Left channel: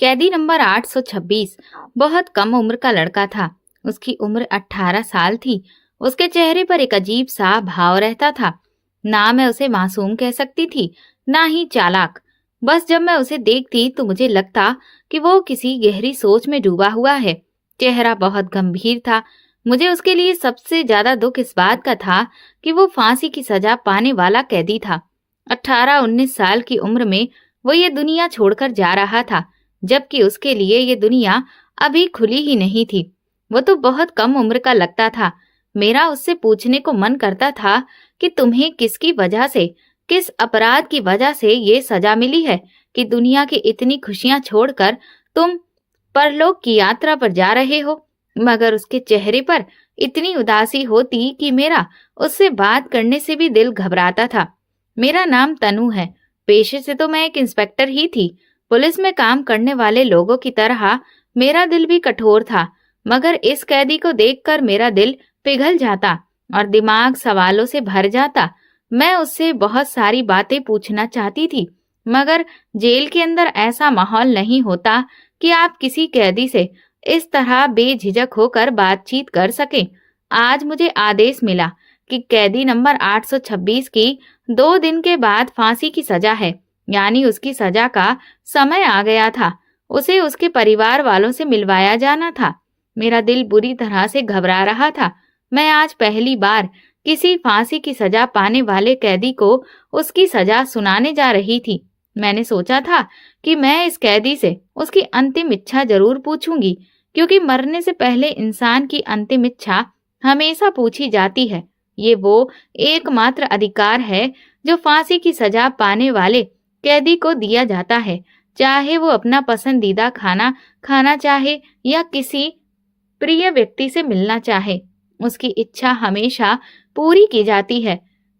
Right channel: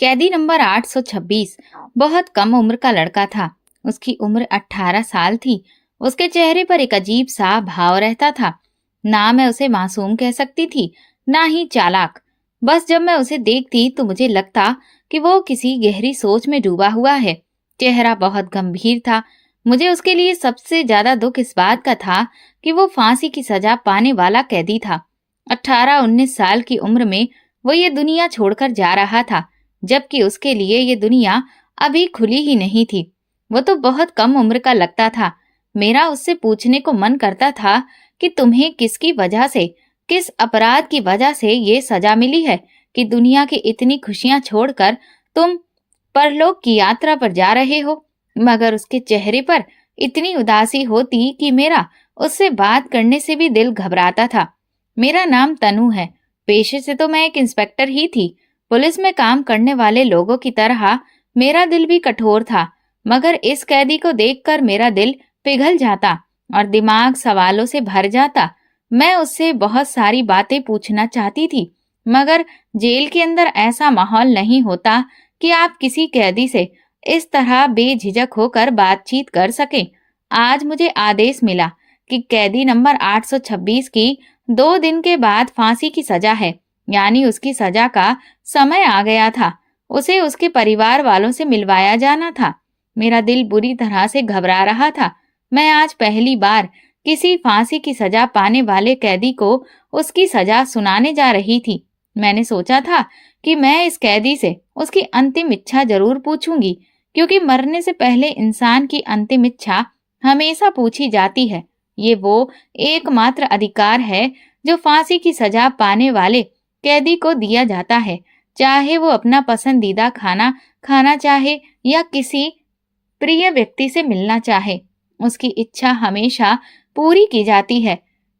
कैदी नंबर 826 बहुत कम उम्र का लड़का था। उसकी उम्र 18 साल थी। उसके चेहरे पर एक अजीब सा भाव रहता था। ना मैं उसे मासूम कह सकती थी, ना ही चालाक। बस जब मैं उसे देखती तो मुझे लगता कि वो किसी गहरी सोच में डूबा हुआ है। चेहरा बहुत गंभीर था। मुझे उसके लिए सबसे ज्यादा दुख इस बात का था कि वो फांसी की सजा पाने वाला कैदी था। 18-19 साल की उम्र में वो ये दुनिया छोड़कर जा रहा था, जबकि उसके लिए ये दुनिया अभी खुली ही नहीं थी। वो तो बहुत कम उम्र का लगता था। मेरा उससे पूछने को मन करता था कि तुम्हें किसकी वजह से, किस अपराध की वजह से ये सजा मिली है कि दुनिया की इतनी खुशियां छोड़कर तुम परलोक की यात्रा पर जा रहे हो। मगर उसके चेहरे पर इतनी उदासी होती कि मेरा उससे बात करने से भी दिल घबराता था। मेरा नाम तनु है। पेशे से तो मैं एक इंस्पेक्टर ही थी। पुलिस में काम करने वाले लोगों की तरह मेरा दिल भी कठोर था। मगर इस कैदी को देखकर मेरा दिल पिघल जाता और दिमाग सवालों से भर जाता। मैं उससे बहुत सारी बातें पूछना चाहती थी, मगर जेल के अंदर ऐसा माहौल नहीं होता कि आप किसी कैदी से इस तरह बेझिझक होकर बातचीत कर सकें। आज मुझे आदेश मिला कि कैदी नंबर 826 की 2 दिन के बाद फांसी की सजा है, यानी उसकी सजा का समय आ गया था। उसे उसके परिवार वालों से मिलवाया जाना था। मेरा दिल बुरी तरह से घबरा रहा था। मैं आज पहली बार किसी फांसी की सजा पाने वाले कैदी को उसकी सजा सुनाने जा रही थी। मैंने सोचा था कि मैं इस कैदी से उसकी अंतिम इच्छा जरूर पूछूंगी, क्योंकि मरने से पहले इंसान की अंतिम इच्छा हमेशा पूछी जाती है। ये वो एकमात्र अधिकार है जो फांसी की सजा पाने वाले कैदी को दिया जाता है, चाहे वो अपना पसंदीदा खाना खाना चाहे या किसी प्रिय व्यक्ति से मिलना चाहे। उसकी इच्छा हमेशा पूरी की जाती है।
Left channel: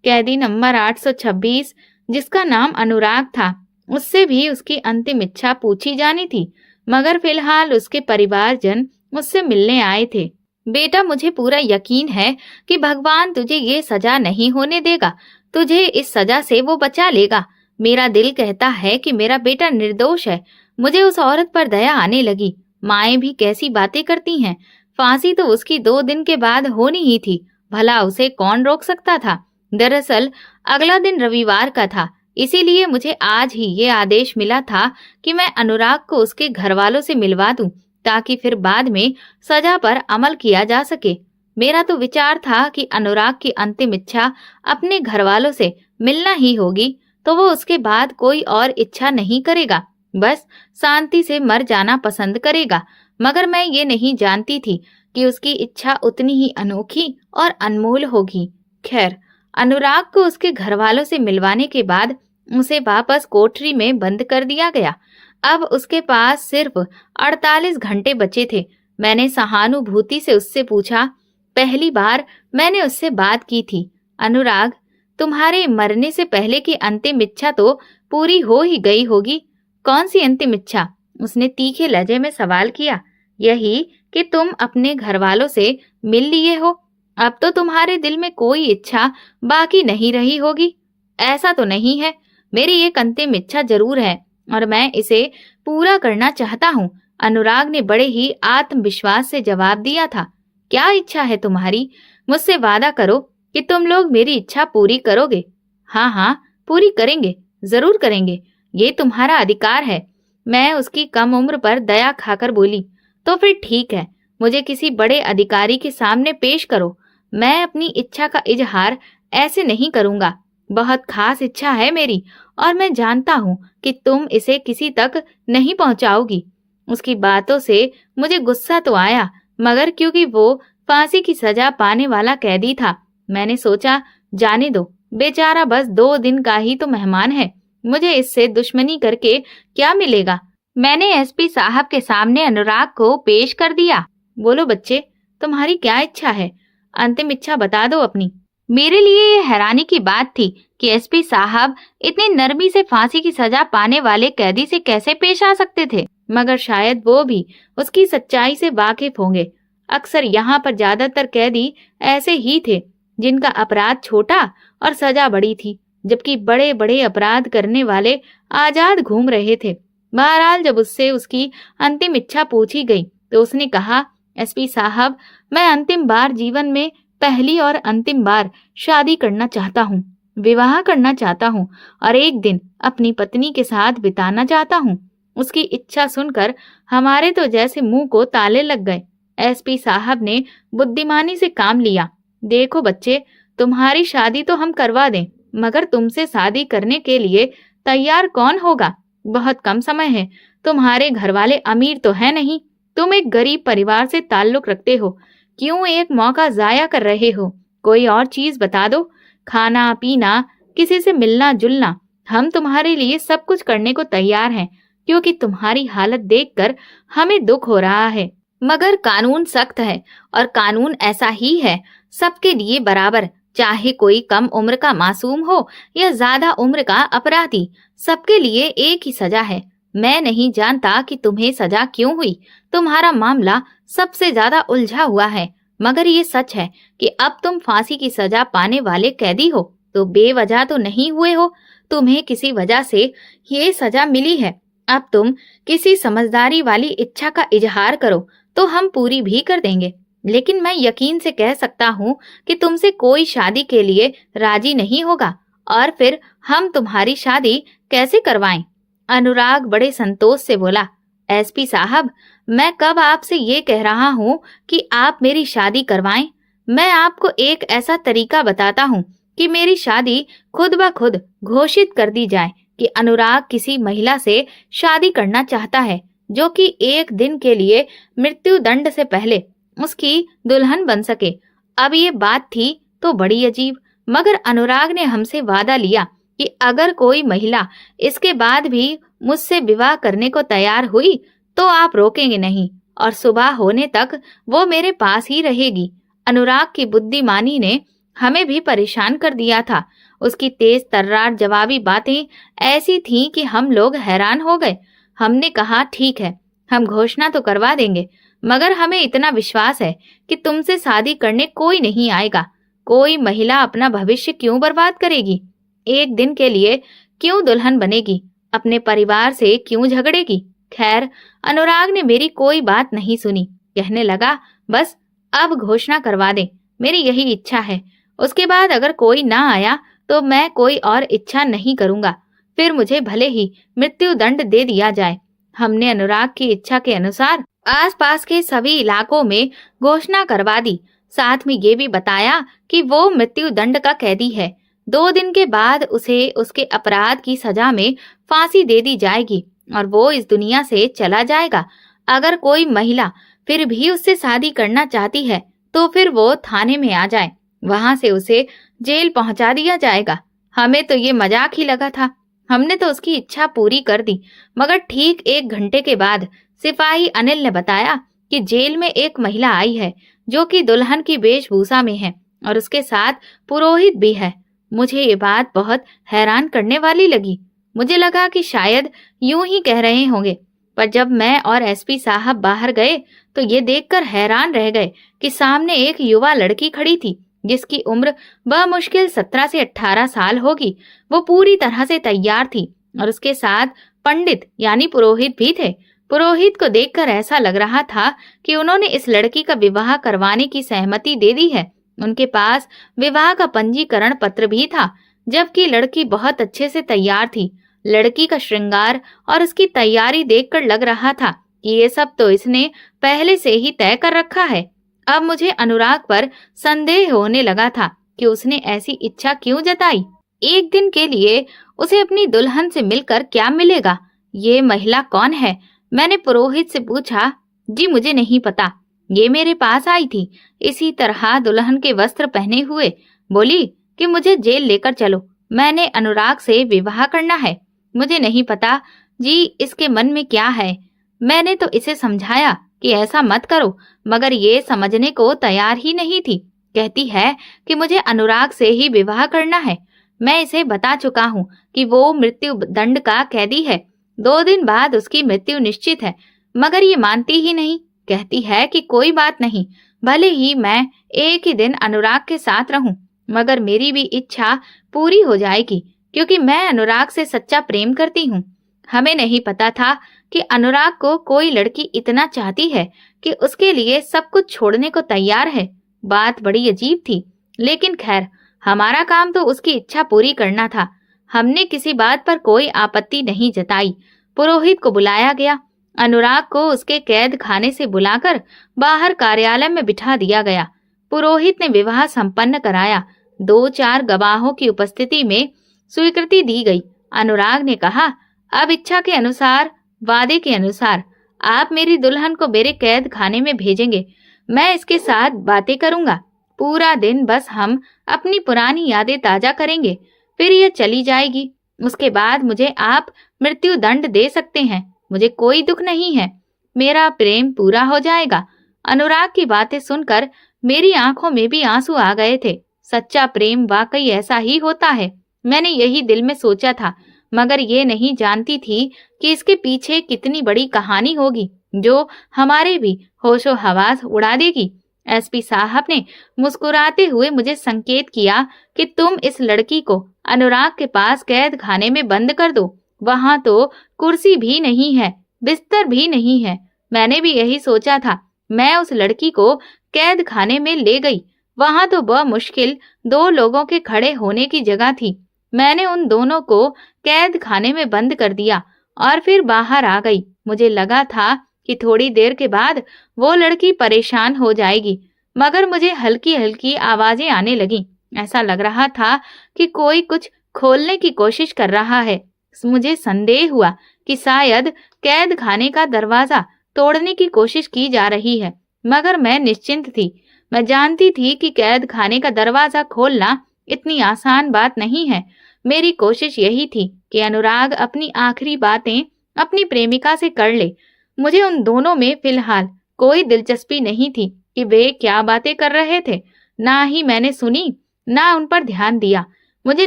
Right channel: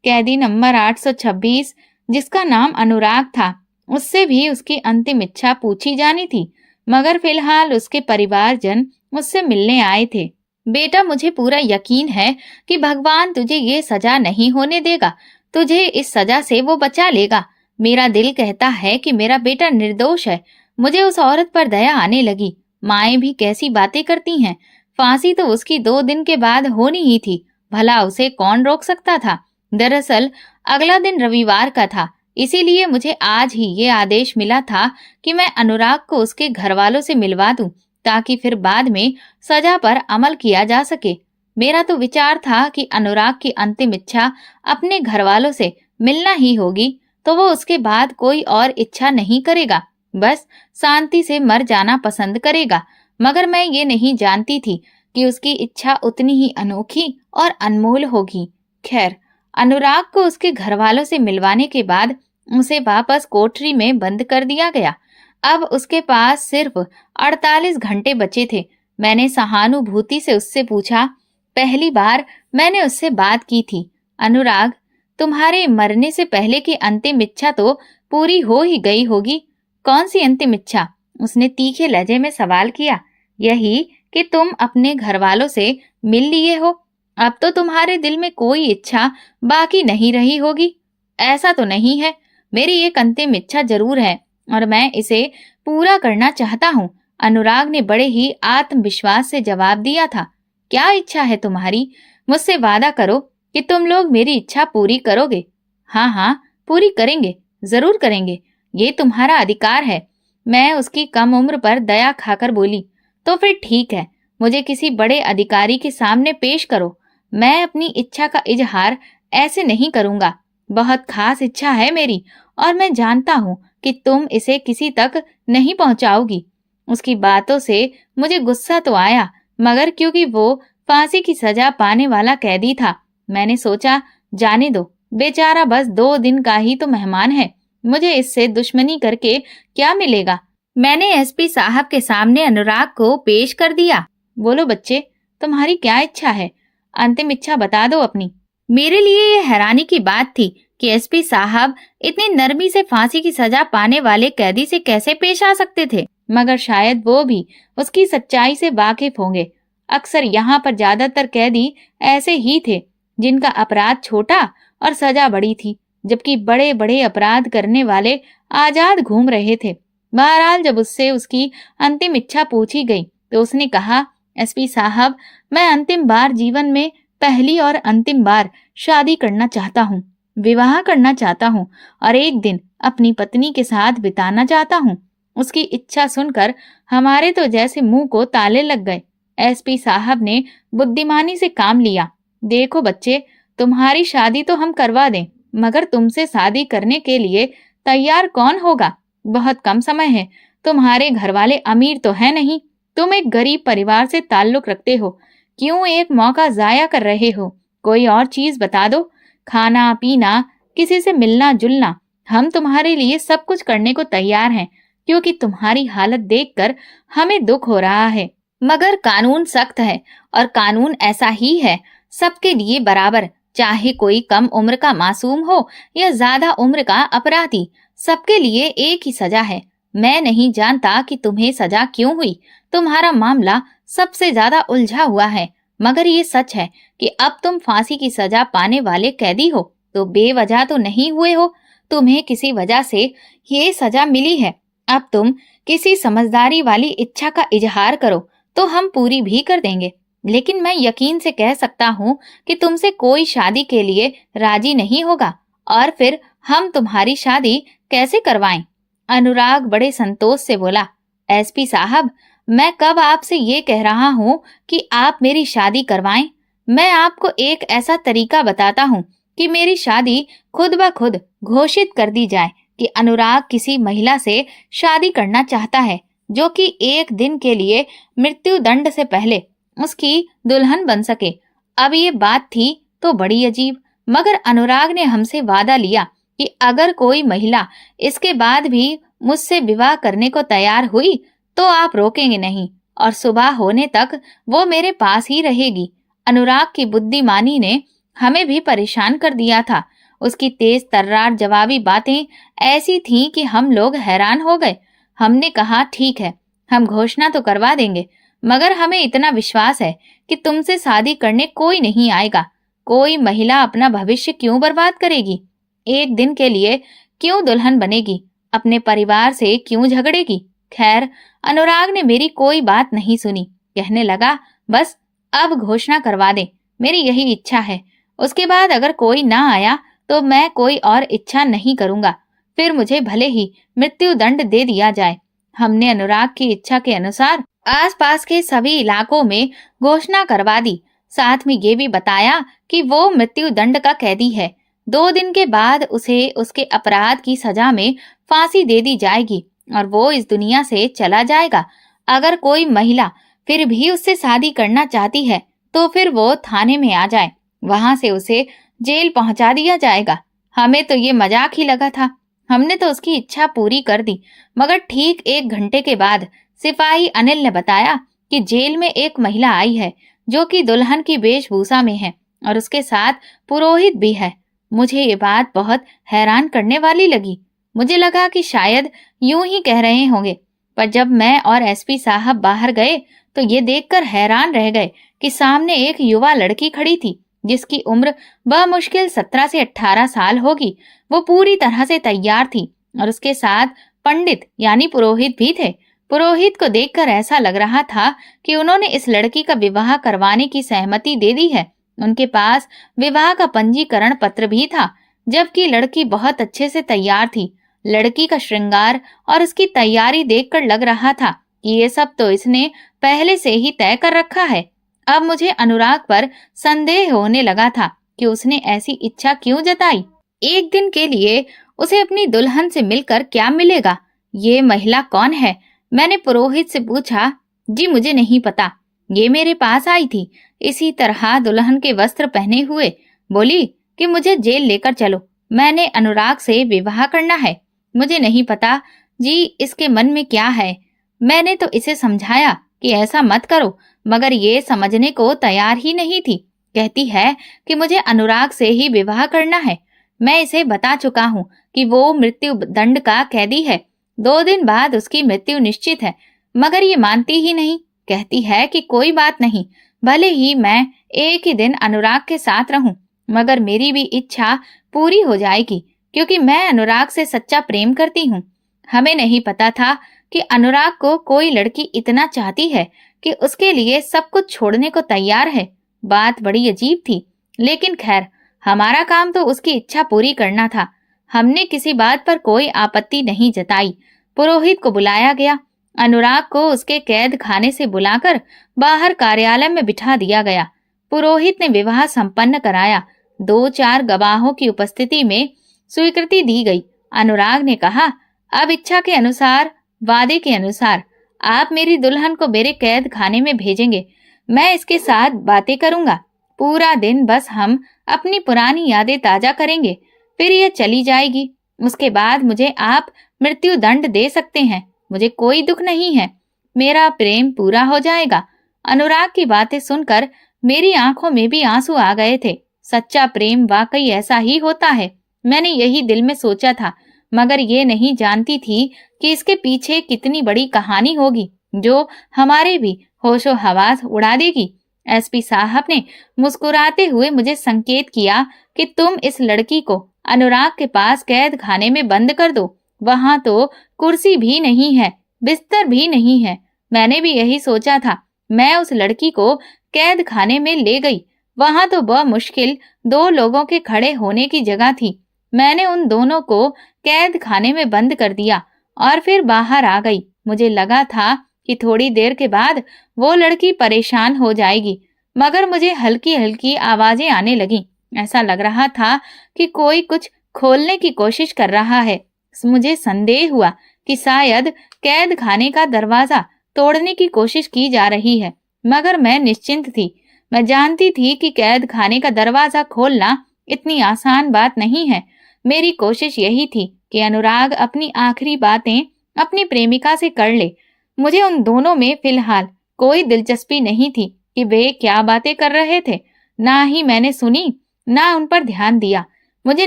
कैदी नंबर 826, जिसका नाम अनुराग था, उससे भी उसकी अंतिम इच्छा पूछी जानी थी, मगर फिलहाल उसके परिवारजन मुझसे मिलने आए थे। बेटा, मुझे पूरा यकीन है कि भगवान तुझे ये सजा नहीं होने देगा। तुझे इस सजा से वो बचा लेगा। मेरा दिल कहता है कि मेरा बेटा निर्दोष है। मुझे उस औरत पर दया आने लगी। माएं भी कैसी बातें करती हैं। फांसी तो उसकी 2 दिन के बाद होनी ही थी। भला उसे कौन रोक सकता था। दरअसल अगला दिन रविवार का था, इसीलिए मुझे आज ही ये आदेश मिला था कि मैं अनुराग को उसके घर वालों से मिलवा दूं, ताकि फिर बाद में सजा पर अमल किया जा सके। मेरा तो विचार था कि अनुराग की अंतिम इच्छा अपने घर वालों से मिलना ही होगी, तो वो उसके बाद कोई और इच्छा नहीं करेगा, बस शांति से मर जाना पसंद करेगा। मगर मैं ये नहीं जानती थी कि उसकी इच्छा उतनी ही अनोखी और अनमोल होगी। खैर, अनुराग को उसके घर वालों से मिलवाने के बाद उसे वापस कोठरी में बंद कर दिया गया। अब उसके पास सिर्फ 48 घंटे बचे थे। मैंने सहानुभूति से उससे पूछा। पहली बार मैंने उससे बात की थी। अनुराग, तुम्हारे मरने से पहले की अंतिम इच्छा तो पूरी हो ही गई होगी। कौन सी अंतिम इच्छा? उसने तीखे लहजे में सवाल किया। यही कि तुम अपने घर वालों से मिल लिए हो। अब तो तुम्हारे दिल में कोई इच्छा बाकी नहीं रही होगी। ऐसा तो नहीं है। मेरी एक अंतिम इच्छा जरूर है और मैं इसे पूरा करना चाहता हूँ। अनुराग ने बड़े ही आत्मविश्वास से जवाब दिया था। क्या इच्छा है तुम्हारी? मुझसे वादा करो कि तुम लोग मेरी इच्छा पूरी करोगे। हाँ हाँ, पूरी करेंगे, जरूर करेंगे। ये तुम्हारा अधिकार है। मैं उसकी कम उम्र पर दया खाकर बोली। तो फिर ठीक है, मुझे किसी बड़े अधिकारी के सामने पेश करो। मैं अपनी इच्छा का इजहार ऐसे नहीं करूंगा। बहुत खास इच्छा है मेरी और मैं जानता हूँ कि तुम इसे किसी तक नहीं पहुंचाओगी। उसकी बातों से मुझे गुस्सा तो आया, मगर क्योंकि वो फांसी की सजा पाने वाला कैदी था, मैंने सोचा जाने दो, बेचारा बस 2 दिन का ही तो मेहमान है। मुझे इससे दुश्मनी करके क्या मिलेगा। मैंने एसपी साहब के सामने अनुराग को पेश कर दिया। बोलो बच्चे, तुम्हारी क्या इच्छा है? अंतिम इच्छा बता दो अपनी। मेरे लिए ये हैरानी की बात थी कि एसपी साहब इतनी नरमी से फांसी की सजा पाने वाले कैदी से कैसे पेश आ सकते थे, मगर शायद वो भी उसकी सच्चाई से वाकिफ होंगे। अक्सर यहाँ पर ज्यादातर कैदी ऐसे ही थे जिनका अपराध छोटा और सजा बड़ी थी, जबकि बड़े बड़े अपराध करने वाले आजाद घूम रहे थे। बहरहाल जब उससे उसकी अंतिम इच्छा पूछी गई तो उसने कहा, एसपी साहब, मैं अंतिम बार जीवन में पहली और अंतिम बार शादी करना चाहता हूँ, विवाह करना चाहता हूँ और एक दिन अपनी पत्नी के साथ बिताना चाहता हूँ। उसकी इच्छा सुनकर हमारे तो जैसे मुंह को ताले लग गए। एसपी साहब ने बुद्धिमानी से काम लिया। देखो बच्चे, तुम्हारी शादी तो हम करवा दें, मगर तुमसे शादी करने के लिए तैयार कौन होगा? बहुत कम समय है। तुम्हारे घर वाले अमीर तो है नहीं, तुम एक गरीब परिवार से ताल्लुक रखते हो। क्यों एक मौका जाया कर रहे हो? कोई और चीज बता दो। खाना पीना, किसी से मिलना जुलना, हम तुम्हारे लिए सब कुछ करने को तैयार हैं, क्योंकि तुम्हारी हालत देखकर हमें दुख हो रहा है। मगर कानून सख्त है और कानून ऐसा ही है, सबके लिए बराबर, चाहे कोई कम उम्र का मासूम हो या ज्यादा उम्र का अपराधी, सबके लिए एक ही सजा है। मैं नहीं जानता कि तुम्हें सजा क्यों हुई। तुम्हारा मामला सबसे ज्यादा उलझा हुआ है, मगर ये सच है कि अब तुम फांसी की सजा पाने वाले कैदी हो, तो बेवजह तो नहीं हुए हो। तुम्हें किसी वजह से ये सजा मिली है। अब तुम किसी समझदारी वाली इच्छा का इजहार करो तो हम पूरी भी कर देंगे। लेकिन मैं यकीन से कह सकता हूँ कि तुमसे कोई शादी के लिए राजी नहीं होगा, और फिर हम तुम्हारी शादी कैसे करवाएं? अनुराग बड़े संतोष से बोला, एसपी साहब, मैं कब आपसे ये कह रहा हूँ कि आप मेरी शादी करवाएं। मैं आपको एक ऐसा तरीका बताता हूँ कि मेरी शादी खुद ब खुद घोषित कर दी जाए कि अनुराग किसी महिला से शादी करना चाहता है जो कि एक दिन के लिए मृत्यु दंड से पहले उसकी दुल्हन बन सके। अब ये बात थी तो बड़ी अजीब, मगर अनुराग ने हमसे वादा लिया कि अगर कोई महिला इसके बाद भी मुझसे विवाह करने को तैयार हुई तो आप रोकेंगे नहीं और सुबह होने तक वो मेरे पास ही रहेगी। अनुराग की बुद्धिमानी ने हमें भी परेशान कर दिया था। उसकी तेज तर्रार जवाबी बातें ऐसी थीं कि हम लोग हैरान हो गए। हमने कहा, ठीक है, हम घोषणा तो करवा देंगे, मगर हमें इतना विश्वास है कि तुमसे शादी करने कोई नहीं आएगा। कोई महिला अपना भविष्य क्यों बर्बाद करेगी? एक दिन के लिए क्यों दुल्हन बनेगी? अपने परिवार से क्यों झगड़ेगी? खैर, अनुराग ने मेरी कोई बात नहीं सुनी। कहने लगा, बस अब घोषणा करवा दे, मेरी यही इच्छा है। उसके बाद अगर कोई ना आया तो मैं कोई और इच्छा नहीं करूंगा, फिर मुझे भले ही मृत्यु दंड दे दिया जाए। हमने अनुराग की इच्छा के अनुसार आसपास के सभी इलाकों में घोषणा करवा दी। साथ में ये भी बताया कि वो मृत्यु दंड का कैदी है। 2 दिन के बाद उसे उसके अपराध की सजा में फांसी दे दी जाएगी और वो इस दुनिया से चला जाएगा। अगर कोई महिला फिर भी उससे शादी करना चाहती है तो फिर वो थाने में आ जाए, वहां से उसे जेल पहुंचा दिया जाएगा। हमें तो ये मजाक ही लगा था। हमने तो उसकी इच्छा पूरी कर दी, मगर ठीक 1 घंटे के बाद सिपाही अनिल ने बताया कि जेल में एक महिला आई है जो कि दुल्हन की वेशभूषा में है और उसके साथ पुरोहित भी है। मुझे ये बात बहुत हैरान करने वाली लगी। मुझे लगा कि शायद यूं ही कह रहे होंगे, पर जब मैं और एसपी साहब बाहर गए तो ये देखकर हैरान रह गए कि सामने एक युवा लड़की खड़ी थी जिसकी उम्र बमुश्किल 17 से 18 साल होगी। वो पूरी तरह से तैयार थी और उसके साथ पंडित यानी पुरोहित भी थे। पुरोहित को देखकर ऐसा लग रहा था कि उन्होंने इस लड़की का विवाह करवाने की सहमति दे दी है। उनके पास विवाह का पंजीकरण पत्र भी था, जबकि लड़की बहुत अच्छे से तैयार थी। लड़की का श्रृंगार और उसकी तैयारी देखकर लग रहा था कि ये सब तो इसने पहले से ही तय कर रखा है। अब मुझे अनुराग पर संदेह होने लगा था कि उसने ऐसी इच्छा क्यों जताई। एक दिन के लिए उसे अपनी दुल्हन से मिलकर क्या मिलेगा? ये महिला कौन है? मैंने पुरोहित से पूछा। जी मुझे नहीं पता, ये मेरे पास आई थी इसी तरह दुल्हन के वस्त्र पहने हुए। बोली कि मुझे जेल लेकर चलो, मैंने अनुराग से विवाह करना है। मुझे नहीं पता जी इसके मन में क्या है। मैंने तो इसे समझाया कि ऐसा मत करो, मगर ये समझने को तैयार ही नहीं थी। कहती है कि मुझे अनुराग से ही विवाह करना है। मैं इसे बता चुका हूँ कि वो मृत्यु दंड का कैदी है, 2 दिन बाद उसकी मृत्यु निश्चित है, मगर ये मानती ही नहीं। कहती है कि कोई बात नहीं, भले ही मैं एक ही दिन अनुराग के साथ रहूं, मगर मेरी भी इच्छा पूरी हो जाएगी, क्योंकि मैं अनुराग से सच्चा प्रेम करती हूँ। हमें नहीं पता था कि अनुराग को कोई लड़की इतना चाहती है कि उसके लिए सब कुछ छोड़ने को तैयार है। बात बड़ी अजीब थी, लेकिन खैर, हमारा काम तो उसकी इच्छा पूरी करना था। हमने किसी बात पर कोई आपत्ति नहीं जताई। पुरोहित को बुलाया गया। अनुराग को उसके कैद खाने से बुलाकर बाहर कार्यालय में बिठा दिया गया। पुरोहित ने विवाह संपन्न कराया। 2-4 गवाहों की उपस्थिति में स्वीकृति दी गई। अनुराग ने कहा, अब इच्छा के अनुसार, वादे के अनुसार आप मेरी दुल्हन को मेरे कैद खाने में भेजेंगे। मैं इसके साथ बातें करूंगा। पूरा दिन बस हम अपनी पुरानी यादें ताजा करेंगे, फिर ये चली जाएगी। उसके बाद मुझे आप मृत्यु दंड दे सकते हैं, मुझे कोई दुख नहीं है। मेरा प्रेम पूरा हो जाएगा। अनुराग की बातें सुनकर मेरी आंखों में भी आंसू आ गए थे। सच्चा प्रेम वाकई ऐसा ही होता है, मैंने यही दिल में सोचा था, मगर ये नहीं जानती थी कि इसके पीछे कितनी बड़ी कहानी होगी जो हमारे भी होशो हवास उड़ा देगी। एसपी साहब ने मुस्कुराते हुए मुझे संकेत किया कि तुम इस लड़की को अनुराग के पास कैद खाने में बंद कर दो। वहां तो कुर्सी भी नहीं है, बिस्तर भी नहीं है। मैंने भी यही सोचा था। मैं उस लड़की को कैद खाने में ले गई। वहां तो बमुश्किल 2 लोगों के खड़े होने की जगह थी। मैंने उन दोनों को कैद खाने में बंद कर दिया और फिर बाहर आ गई। मुझे लगा था कि थोड़ी देर के बाद वो लड़की परेशान हो जाएगी, मगर मुझे हल्की हल्की आवाजें आने लगीं। ऐसा लग रहा था कि कोई कुछ खोलने की कोशिश कर रहा है। मुझे संदेह हुआ कि शायद कैद खाने का दरवाजा तोड़ने की कोशिश की जा रही है, मगर मैं निश्चिंत थी। मैं जानती थी कि कैद खाने का दरवाजा खोलना इतनी आसान बात नहीं है। मेरी कोशिश यही थी कि अनुराग अपनी आखिरी बातें अपनी प्रेमिका से कर ले। मुझे उन दोनों में फिलहाल कोई दिलचस्पी नहीं थी कि वे क्या बातें कर रहे थे। ना ही मैंने सुनी, ना उन पर ध्यान दिया। मुझे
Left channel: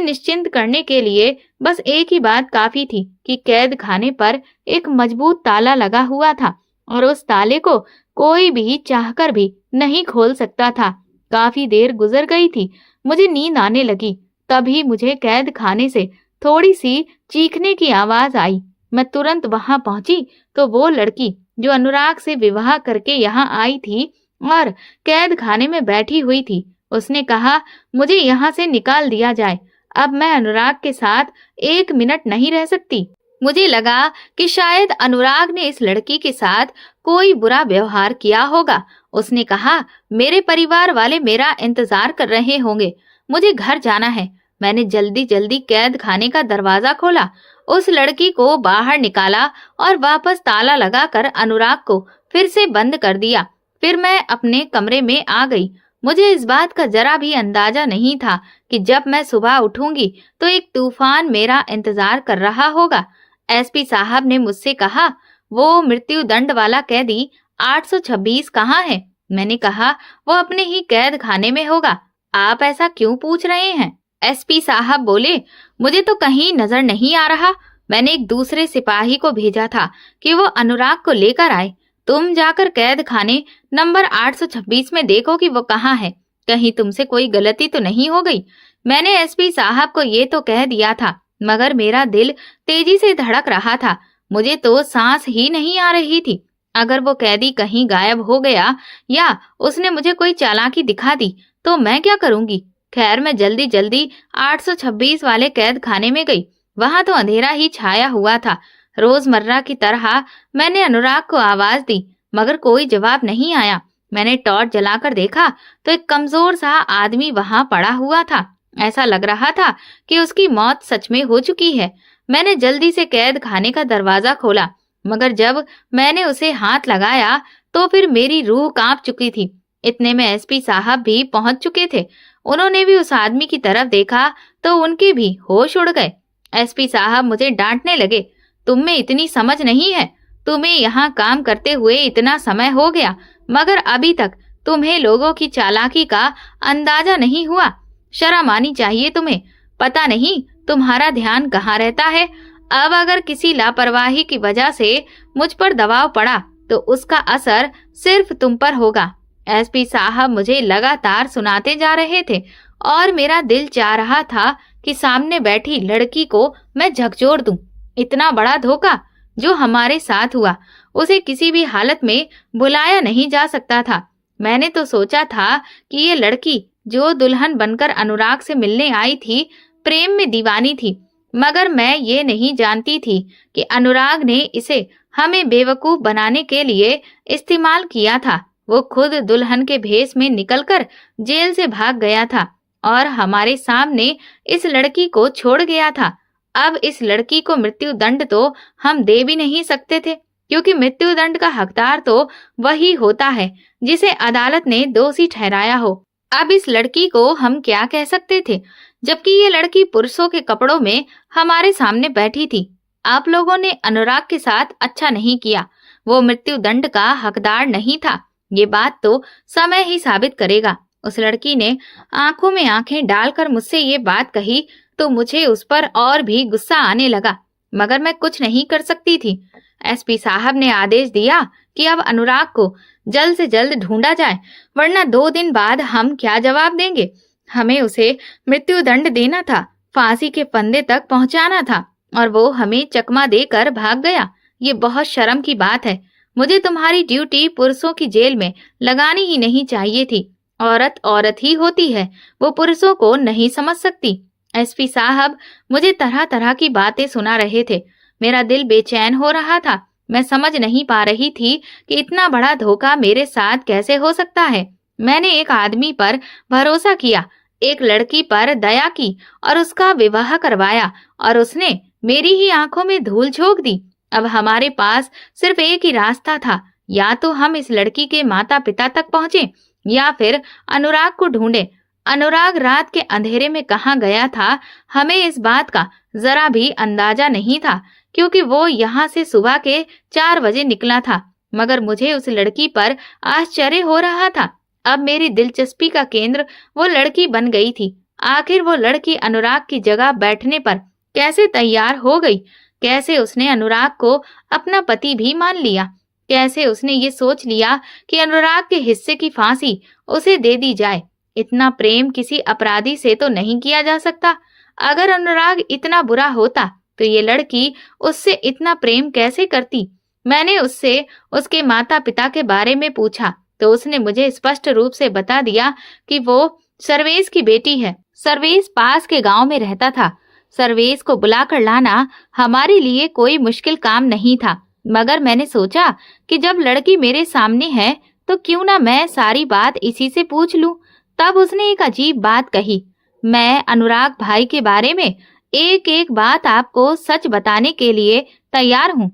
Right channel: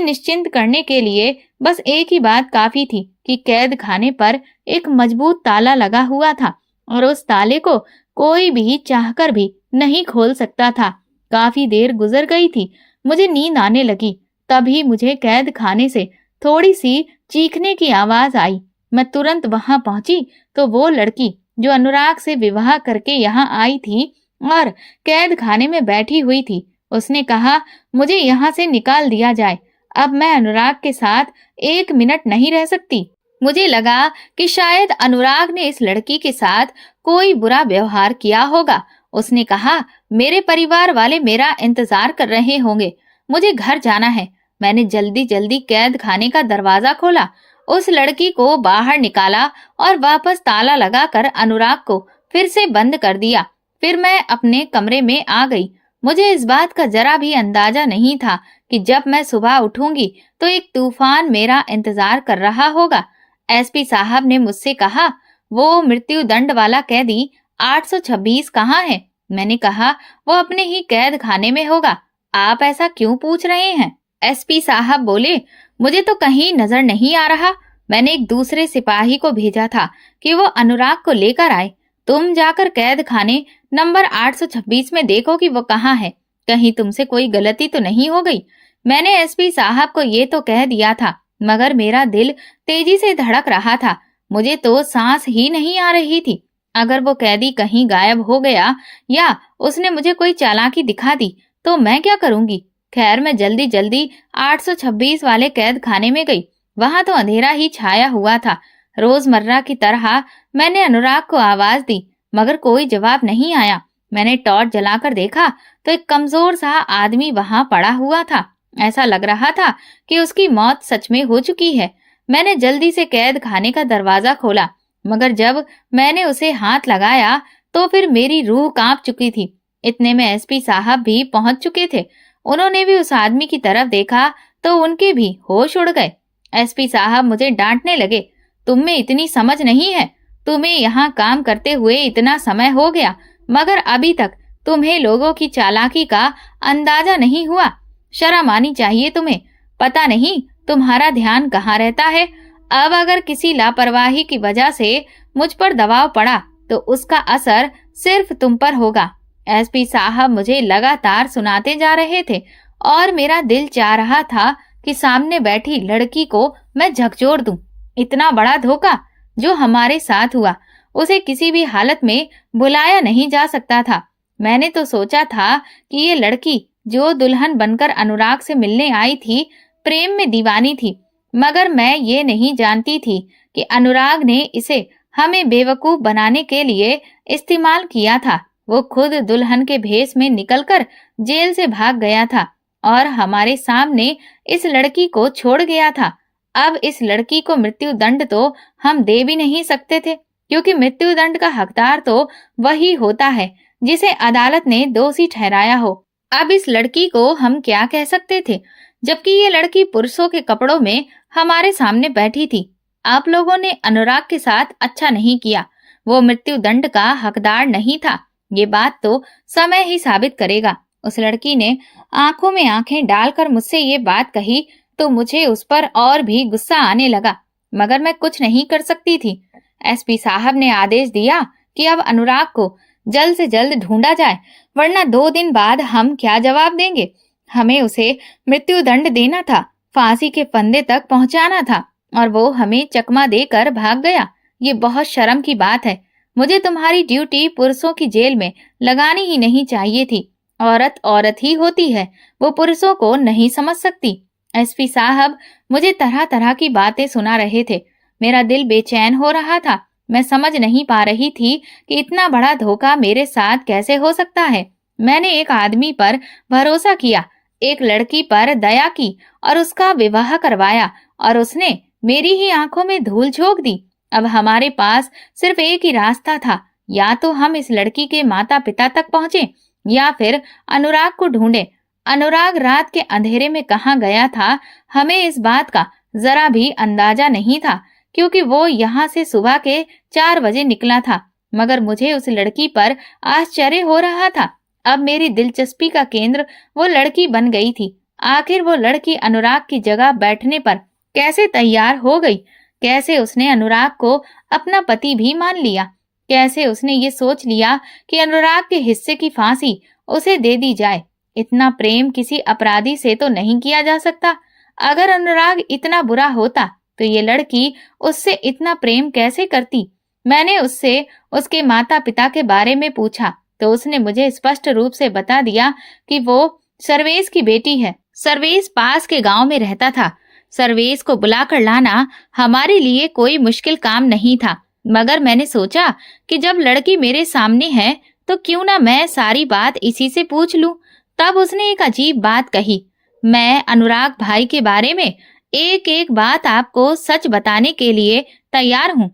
निश्चिंत करने के लिए बस एक ही बात काफी थी कि कैद खाने पर एक मजबूत ताला लगा हुआ था और उस ताले को कोई भी चाहकर भी नहीं खोल सकता था। काफी देर गुजर गई थी। मुझे नींद आने लगी। तभी मुझे कैद खाने से थोड़ी सी चीखने की आवाज आई। मैं तुरंत वहां पहुंची तो वो लड़की जो अनुराग से विवाह करके यहाँ आई थी और कैद खाने में बैठी हुई थी, उसने कहा, मुझे यहाँ से निकाल दिया जाए। अब मैं अनुराग के साथ 1 मिनट नहीं रह सकती। मुझे लगा कि शायद अनुराग ने इस लड़की के साथ कोई बुरा व्यवहार किया होगा। उसने कहा, मेरे परिवार वाले मेरा इंतजार कर रहे होंगे, मुझे घर जाना है। मैंने जल्दी जल्दी कैद खाने का दरवाजा खोला, उस लड़की को बाहर निकाला और वापस ताला लगाकर अनुराग को फिर से बंद कर दिया। फिर मैं अपने कमरे में आ गई। मुझे इस बात का जरा भी अंदाजा नहीं था कि जब मैं सुबह उठूंगी तो एक तूफान मेरा इंतजार कर रहा होगा। एसपी साहब ने मुझसे कहा, वो मृत्यु दंड वाला कैदी 826 कहाँ है? मैंने कहा, वो अपने ही कैद खाने में होगा। आप ऐसा क्यों पूछ रहे हैं? एसपी साहब बोले, मुझे तो कहीं नजर नहीं आ रहा। मैंने एक दूसरे सिपाही को भेजा था कि वो अनुराग को लेकर आए। तुम जाकर कैद खाने नंबर 826 में देखो कि वो कहाँ है। कहीं तुमसे कोई गलती तो नहीं हो गई। मैंने एसपी साहब को ये तो कह दिया था, मगर मेरा दिल तेजी से धड़क रहा था। मुझे तो सांस ही नहीं आ रही थी। अगर वो कैदी कहीं गायब हो गया या उसने मुझे कोई चालाकी दिखा दी तो मैं क्या करूंगी? खैर, मैं जल्दी जल्दी 826 वाले कैद खाने में गई। वहां तो अंधेरा ही छाया हुआ था। रोजमर्रा की तरह मैंने अनुराग को आवाज दी, मगर कोई जवाब नहीं आया। मैंने टॉर्च जलाकर देखा तो एक कमजोर सा आदमी वहां पड़ा हुआ था। ऐसा लग रहा था कि उसकी मौत सच में हो चुकी है। मैंने जल्दी से कैद खाने का दरवाजा खोला, मगर जब मैंने उसे हाथ लगाया तो फिर मेरी रूह कांप चुकी थी। इतने में एसपी साहब भी पहुंच चुके थे। उन्होंने भी उस आदमी की तरफ देखा तो उनके भी होश उड़ गए। एसपी साहब मुझे डांटने लगे, तुम में इतनी समझ नहीं है। तुम्हें यहाँ काम करते हुए इतना समय हो गया, मगर अभी तक तुम्हें लोगों की चालाकी का अंदाजा नहीं हुआ। शर्म आनी चाहिए तुम्हें। पता नहीं तुम्हारा ध्यान कहाँ रहता है। अब अगर किसी लापरवाही की वजह से मुझ पर दबाव पड़ा तो उसका असर सिर्फ तुम पर होगा। एसपी साहब मुझे लगातार सुनाते जा रहे थे और मेरा दिल चाह रहा था कि सामने बैठी लड़की को मैं झकझोर दूं। इतना बड़ा धोखा! जो हमारे साथ हुआ उसे किसी भी हालत में भुलाया नहीं जा सकता था। मैंने तो सोचा था कि ये लड़की जो दुल्हन बनकर अनुराग से मिलने आई थी, प्रेम में दीवानी थी, मगर मैं ये नहीं जानती थी कि अनुराग ने इसे हमें बेवकूफ बनाने के लिए इस्तेमाल किया था। वो खुद दुल्हन के भेष में निकलकर जेल से भाग गया था और हमारे सामने इस लड़की को छोड़ गया था। अब इस लड़की को मृत्यु दंड तो हम दे भी नहीं सकते थे, क्योंकि मृत्यु दंड का हकदार तो वही होता है जिसे अदालत ने दोषी ठहराया हो। अब इस लड़की को हम क्या कह सकते थे, जबकि ये लड़की पुरुषों के कपड़ों में हमारे सामने बैठी थी। आप लोगों ने अनुराग के साथ अच्छा नहीं किया। वो मृत्यु दंड का हकदार नहीं था। ये बात तो समय ही साबित करेगा। उस लड़की ने आंखों में आंखें डालकर मुझसे ये बात कही तो मुझे उस पर और भी गुस्सा आने लगा, मगर मैं कुछ नहीं कर सकती थी। एसपी साहब ने आदेश दिया कि अब अनुराग को जल्द से जल्द ढूंढा जाए, वरना 2 दिन बाद हम क्या जवाब देंगे। हमें उसे मृत्यु दंड देना था, फांसी के फंदे तक पहुंचाना था, और वो हमें चकमा देकर भाग गया। ये बहुत शर्म की बात है। मुझे तुम्हारी ड्यूटी पुरुषों की जेल में लगानी ही नहीं चाहिए थी। औरत औरत ही होती है, वो पुरुषों को नहीं समझ सकती। एसपी साहब मुझे तरह तरह की बातें सुना रहे थे। मेरा दिल बेचैन हो रहा था। मैं समझ नहीं पा रही थी कि इतना बड़ा धोखा मेरे साथ कैसे हो सकता है। मैंने एक आदमी पर भरोसा किया, एक लड़की पर दया की और उसका विवाह करवाया, और उसने मेरी ही आंखों में धूल झोंक दी। अब हमारे पास सिर्फ एक ही रास्ता था, या तो हम इस लड़की के माता पिता तक पहुंचे या फिर अनुराग को ढूंढे। अनुराग रात के अंधेरे में कहाँ गया था, हमें इस बात का जरा भी अंदाजा नहीं था, क्योंकि वो यहाँ से सुबह के 4 बजे निकला था। मगर मुझे उस लड़की पर आश्चर्य हो रहा था। अब मेरी दिलचस्पी का केंद्र वो लड़की बन गई थी। आखिर वो लड़की अनुराग की जगह बैठने पर कैसे तैयार हो गई? कैसे उसने अनुराग को अपना पति भी मान लिया? कैसे उसने ये सोच लिया कि अनुराग के हिस्से की फांसी उसे दे दी जाए? इतना प्रेम किसी अपराधी से तो नहीं किया जा सकता। अगर अनुराग इतना बुरा होता तो ये लड़की उससे इतना प्रेम कैसे करती? मैंने उससे उसके माता पिता के बारे में पूछा तो उसने मुझे स्पष्ट रूप से बता दिया कि वो सर्वेश की बेटी है। सर्वेश पास के गांव में रहता था। सर्वेश को बुलाकर लाना हमारे लिए कोई मुश्किल काम नहीं था, मगर मैंने सोचा कि जब लड़की मेरे सामने है तो क्यों ना मैं सारी बात इसी से पूछ लूं। तब उसने एक अजीब बात कही। मैं अनुराग भाई के बारे में एक एक बात आपको सच बताने के लिए तैयार हूँ।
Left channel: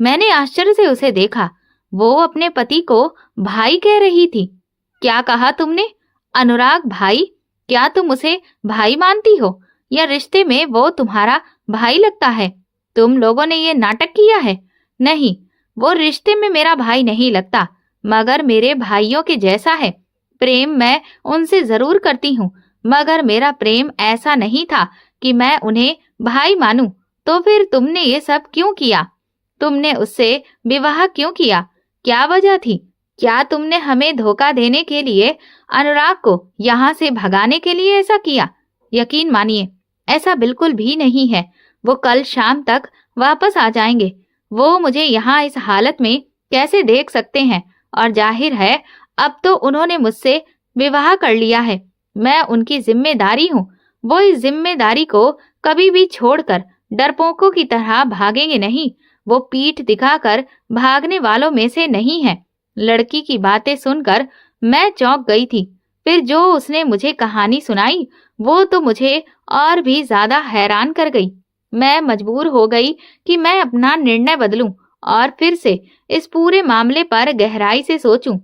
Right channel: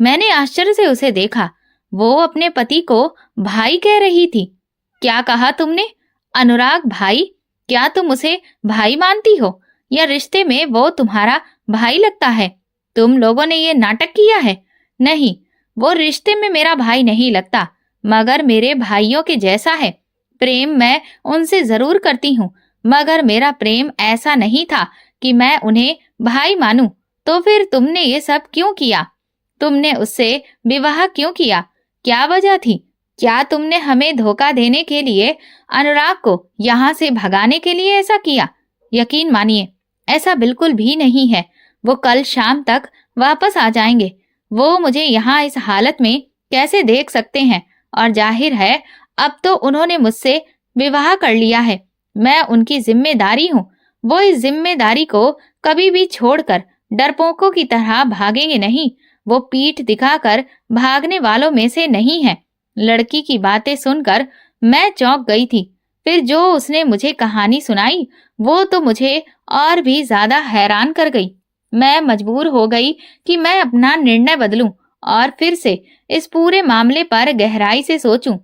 मैंने आश्चर्य से उसे देखा। वो अपने पति को भाई कह रही थी। क्या कहा तुमने? अनुराग भाई? क्या तुम उसे भाई मानती हो, या रिश्ते में वो तुम्हारा भाई लगता है? तुम लोगों ने ये नाटक किया है। नहीं, वो रिश्ते में मेरा भाई नहीं लगता, मगर मेरे भाइयों के जैसा है। प्रेम मैं उनसे जरूर करती हूँ, मगर मेरा प्रेम ऐसा नहीं था कि मैं उन्हें भाई मानूं। तो फिर तुमने ये सब क्यों किया? तुमने उससे विवाह क्यों किया? क्या वजह थी? क्या तुमने हमें धोखा देने के लिए, अनुराग को यहाँ से भगाने के लिए ऐसा किया? यकीन मानिए, ऐसा बिल्कुल भी नहीं है। वो कल शाम तक वापस आ जाएंगे। वो मुझे यहाँ इस हालत में कैसे देख सकते हैं? और जाहिर है अब तो उन्होंने मुझसे विवाह कर लिया है। मैं उनकी जिम्मेदारी हूँ। वो इस जिम्मेदारी को कभी भी छोड़कर डरपोकों की तरह भागेंगे नहीं। वो पीठ दिखाकर भागने वालों में से नहीं है। लड़की की बातें सुनकर मैं चौंक गई थी। फिर जो उसने मुझे कहानी सुनाई वो तो मुझे और भी ज्यादा हैरान कर गई। मैं मजबूर हो गई कि मैं अपना निर्णय बदलूं और फिर से इस पूरे मामले पर गहराई से सोचूं।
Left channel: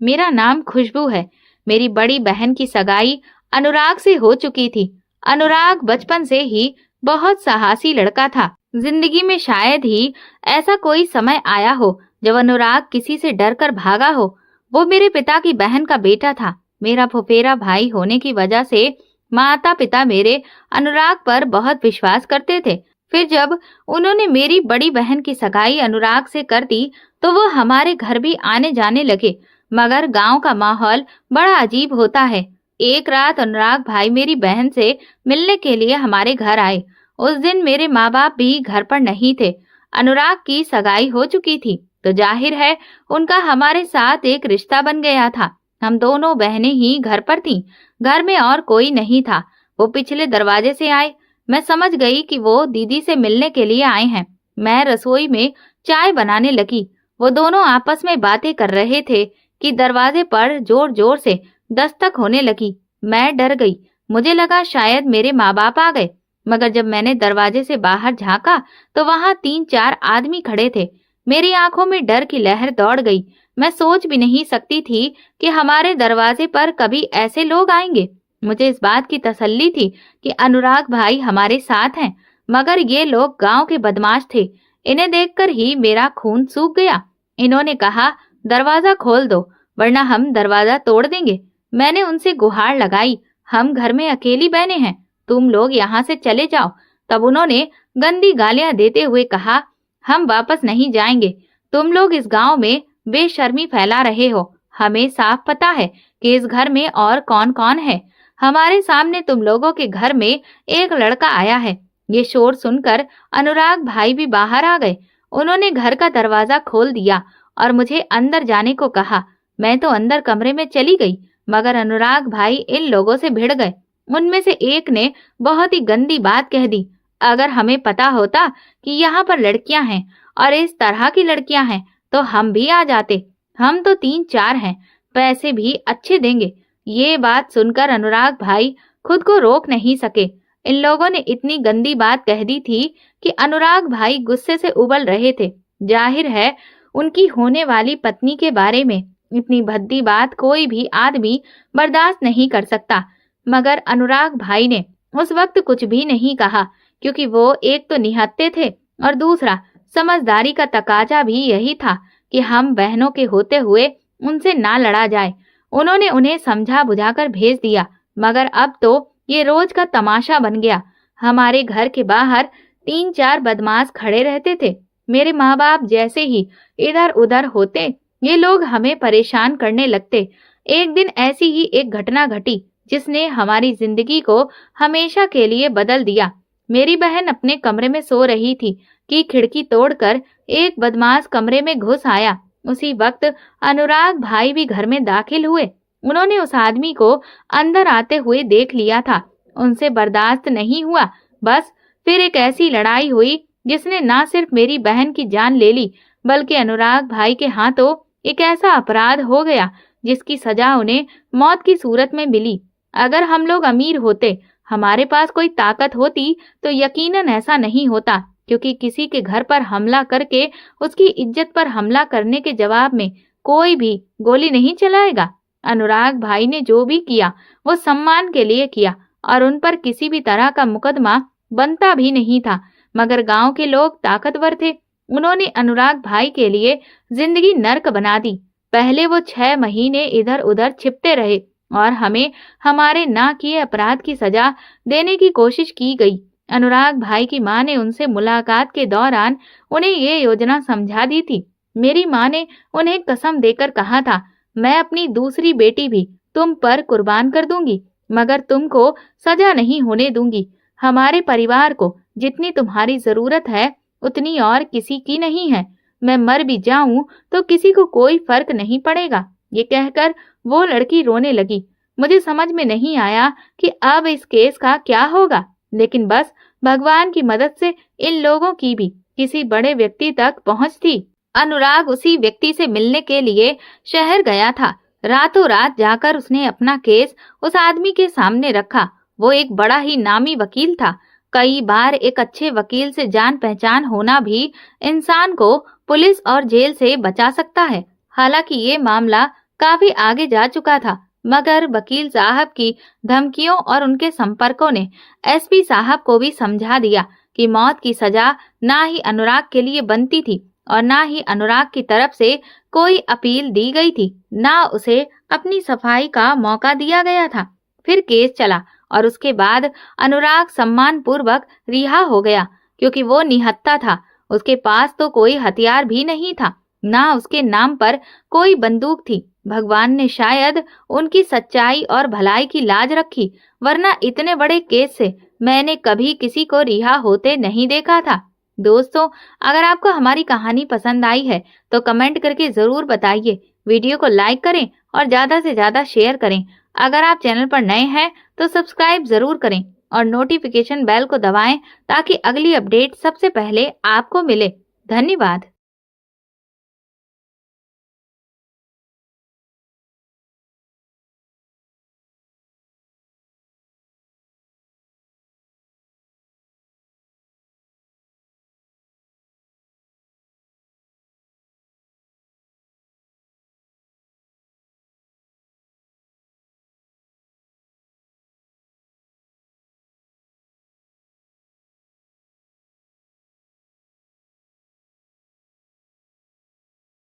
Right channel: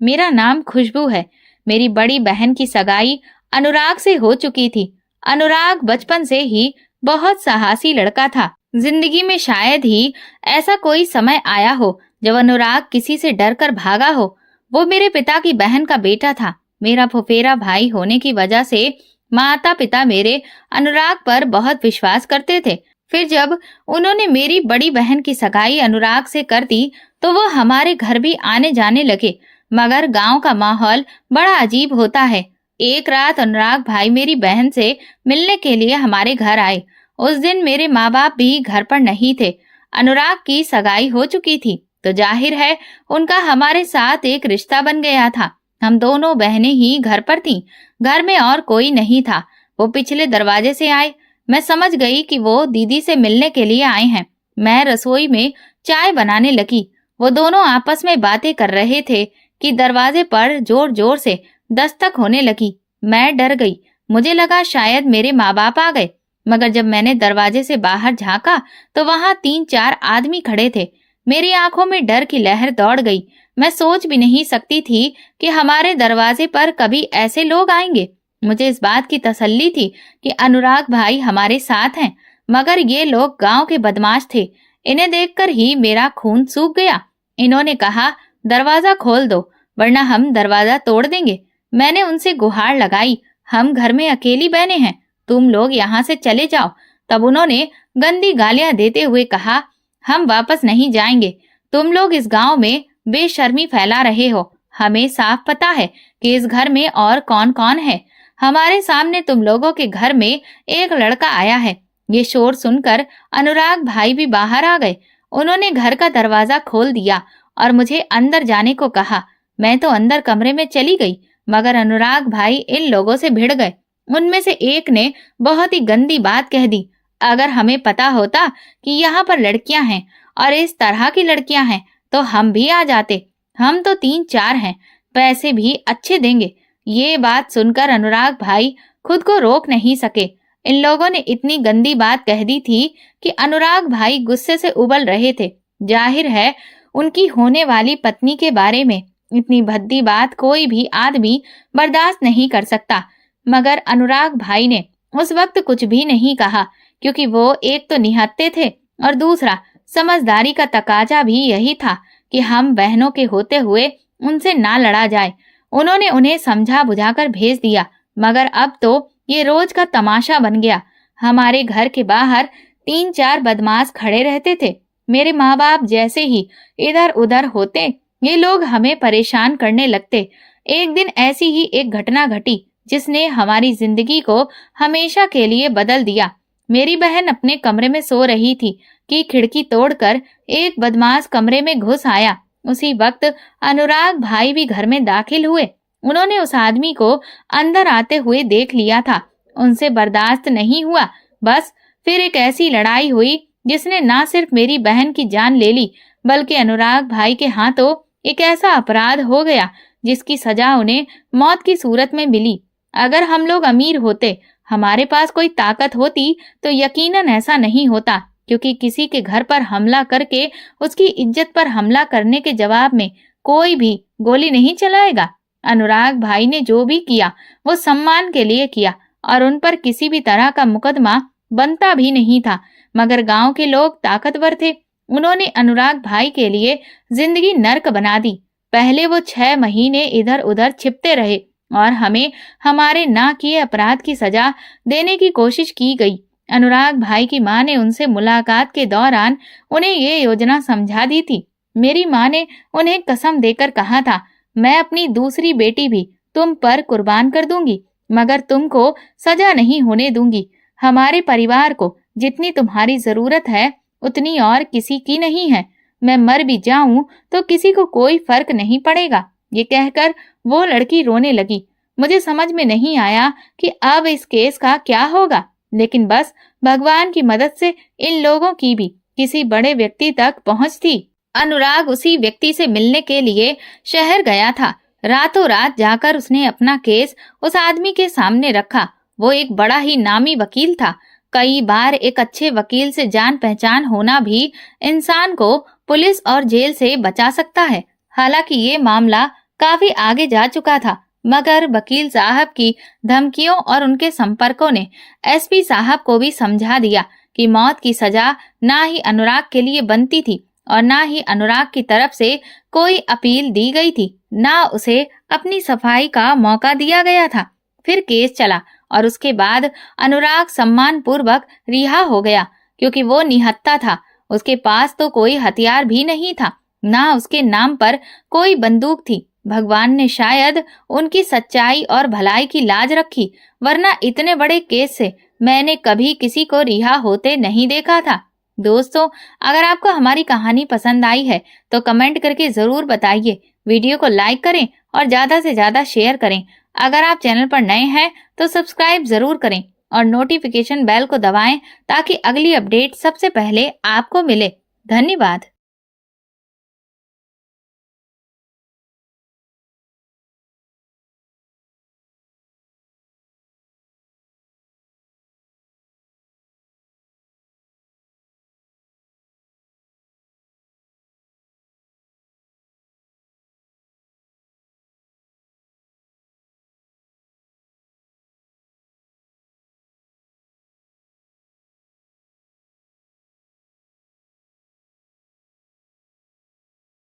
मेरा नाम खुशबू है। मेरी बड़ी बहन की सगाई अनुराग से हो चुकी थी। अनुराग बचपन से ही बहुत साहसी लड़का था। जिंदगी में शायद ही ऐसा कोई समय आया हो जब अनुराग किसी से डरकर भागा हो। वो मेरे पिता की बहन का बेटा था। मेरा फुफेरा भाई होने की वजह से माता पिता मेरे अनुराग पर बहुत विश्वास करते थे। फिर जब उन्होंने मेरी बड़ी बहन की सगाई अनुराग से कर दी तो वो हमारे घर भी आने जाने लगे। मगर गांव का माहौल बड़ा अजीब होता है। एक रात अनुराग भाई मेरी बहन से मिलने के लिए हमारे घर आए। उस दिन मेरे माँ बाप भी घर पर नहीं थे। अनुराग की सगाई हो चुकी थी, तो जाहिर है उनका हमारे साथ एक रिश्ता बन गया था। हम दोनों बहनें ही घर पर थीं, घर में और कोई नहीं था। वो पिछले दरवाजे से आए। मैं समझ गई कि वो दीदी से मिलने के लिए आए हैं। मैं रसोई में चाय बनाने लगी। वो दोनों आपस में बातें कर रहे थे कि दरवाजे पर जोर जोर से दस्तक होने लगी। मैं डर गई। मुझे लगा शायद मेरे माँ बाप आ गए, मगर जब मैंने दरवाजे से बाहर झांका तो वहां 3-4 आदमी खड़े थे। मेरी आंखों में डर की लहर दौड़ गई। मैं सोच भी नहीं सकती थी कि हमारे दरवाजे पर कभी ऐसे लोग आएंगे। मुझे इस बात की तसल्ली थी कि अनुराग भाई हमारे साथ हैं, मगर ये लोग गांव के बदमाश थे। इन्हें देखकर ही मेरा खून सूख गया। इन्होंने कहा, दरवाजा खोल दो वरना हम दरवाजा तोड़ देंगे। मैंने उनसे गुहार लगाई, हम घर में अकेली बहनें हैं, तुम लोग यहाँ से चले जाओ। तब उन्होंने गंदी गालियां देते हुए कहा, हम वापस नहीं जाएंगे। तुम लोग इस गांव में बेशर्मी फैला रहे हो। हमें साफ पता है कि इस घर में और कौन कौन है। हमारे सामने तुम लोगों के घर में एक लड़का आया है। ये शोर सुनकर अनुराग भाई भी बाहर आ गए। उन्होंने घर का दरवाजा खोल दिया और मुझे अंदर जाने को कहा। मैं तो अंदर कमरे में चली गई, मगर अनुराग भाई इन लोगों से भिड़ गए। उनमें से एक ने बहुत ही गंदी बात कह दी, अगर हमें पता होता कि यहाँ पर लड़कियां हैं और इस तरह की लड़कियां हैं तो हम भी आ जाते। हम तो 3-4 हैं, पैसे भी अच्छे देंगे। ये बात सुनकर अनुराग भाई खुद को रोक नहीं सके। इन लोगों ने इतनी गंदी बात कह दी थी कि अनुराग भाई गुस्से से उबल रहे थे। जाहिर है उनकी होने वाली पत्नी के बारे में इतनी भद्दी बात कोई भी आदमी बर्दाश्त नहीं कर सकता। मगर अनुराग भाई ने उस वक्त कुछ भी नहीं कहा, क्योंकि वो एक तो निहत्थे थे और दूसरा समझदारी का तकाजा भी यही था कि हम बहनों के होते हुए उनसे ना लड़ा जाए। उन्होंने उन्हें समझा बुझाकर भेज दिया, मगर अब तो ये रोज का तमाशा बन गया। हमारे घर के बाहर 3-4 बदमाश खड़े रहते थे। मेरे माँ बाप जैसे ही इधर उधर होते, ये लोग हमें परेशान करने लगते। एक दिन ऐसी ही एक घटना घटी जिसने हमारी जिंदगी को हमेशा के लिए बदल दिया। मेरी बहन अपने कमरे में सो रही थी कि खिड़की तोड़कर एक बदमाश कमरे में घुस आया। उसी वक्त अनुराग भाई भी घर में दाखिल हुए। उन्होंने उस आदमी को अंदर आते हुए देख लिया था। उनसे बर्दाश्त नहीं हुआ। बस फिर एक ऐसी लड़ाई हुई जिसने ना सिर्फ मेरी बहन की जान ले ली, बल्कि अनुराग भाई के हाथों एक ऐसा अपराध हो गया जिसकी सजा उन्हें मौत की सूरत में मिली। अगर हम लोग अमीर होते, हमारे पास कोई ताकत होती, तो यकीनन ऐसा नहीं होता, क्योंकि किसी के घर पर हमला करके उसकी इज्जत पर हमला करने के जवाब में कोई भी गोली नहीं चलाएगा। अनुराग भाई ने जो भी किया वो सम्मान के लिए किया और उन पर किसी भी तरह का मुकदमा बनता भी नहीं था। मगर गांव के लोग ताकतवर थे। उन्होंने अनुराग भाई के लिए जिंदगी नर्क बना दी। पहले वो 6 महीने इधर उधर छिपते रहे और हमें हमारे ना किए अपराध की सजा देने की कोशिश की गई। अनुराग भाई की माँ ने उनसे मुलाकात के दौरान उन्हें ये योजना समझा दी थी। मेरी माँ ने उन्हें कसम देकर कहा था, मैं अपनी दूसरी बेटी भी तुम पर कुर्बान कर दूंगी, मगर तुमको सजा नहीं होने दूंगी। हमारे परिवार को जितनी तुम्हारी जरूरत है उतनी और किसी की नहीं है। मैं मर भी जाऊं तो किसी को कोई फर्क नहीं पड़ेगा। ये कहकर वो लड़की रोने लगी। मुझे समझ में नहीं आया कि अब इस केस का क्या होगा, लेकिन बस भगवान की मदद से इन लोगों की भी किसी बड़े व्यक्ति तक पहुंच थी। अनुराग उसी व्यक्ति से मिलने के लिए शहर गया था। रातों रात जाकर उसने अपना केस उस आदमी के सामने रखा। वो एक बड़ा ही नामी वकील था। कई बार एक अच्छे वकील से जान पहचान होना भी इंसान को पुलिस और जेल से बचा सकता है। हालांकि ये मामला काफी आगे जा चुका था, मगर वकील साहब की धमकियों और उनके संपर्कों ने एसपी साहब को भी समझा दिया कि मौत की सजा ना ही अनुराग के लिए बनती थी और ना ही अनुराग की तरफ से कोई अपील दी गई थी, ना उसे अपनी सफाई का मौका दिया गया था। फिर केस चला और उसके बाद अनुराग सम्मान पूर्वक रिहा हो गया, क्योंकि वो निहत्था था। उसके पास तो कोई हथियार भी नहीं था, ना उसके नाम पर कोई बंदूक थी। भगवान ने शायद उनकी सच्चाई और भलाई की लाज रखी, वरना इतने बड़े केस से मैंने कभी किसी को रिहा होते नहीं देखा था। दोस्तों, अगर आपको हमारी कहानी पसंद आई है तो कमेंट करके जरूर बताइए। वीडियो को लाइक करें और ज्यादा से ज्यादा शेयर करें। अगर आप चैनल पर नए हैं तो सब्सक्राइब जरूर करें और नोटिफिकेशन बेल को दबाएं ताकि अगली अपडेट सबसे पहले आपको मिले। धन्यवाद।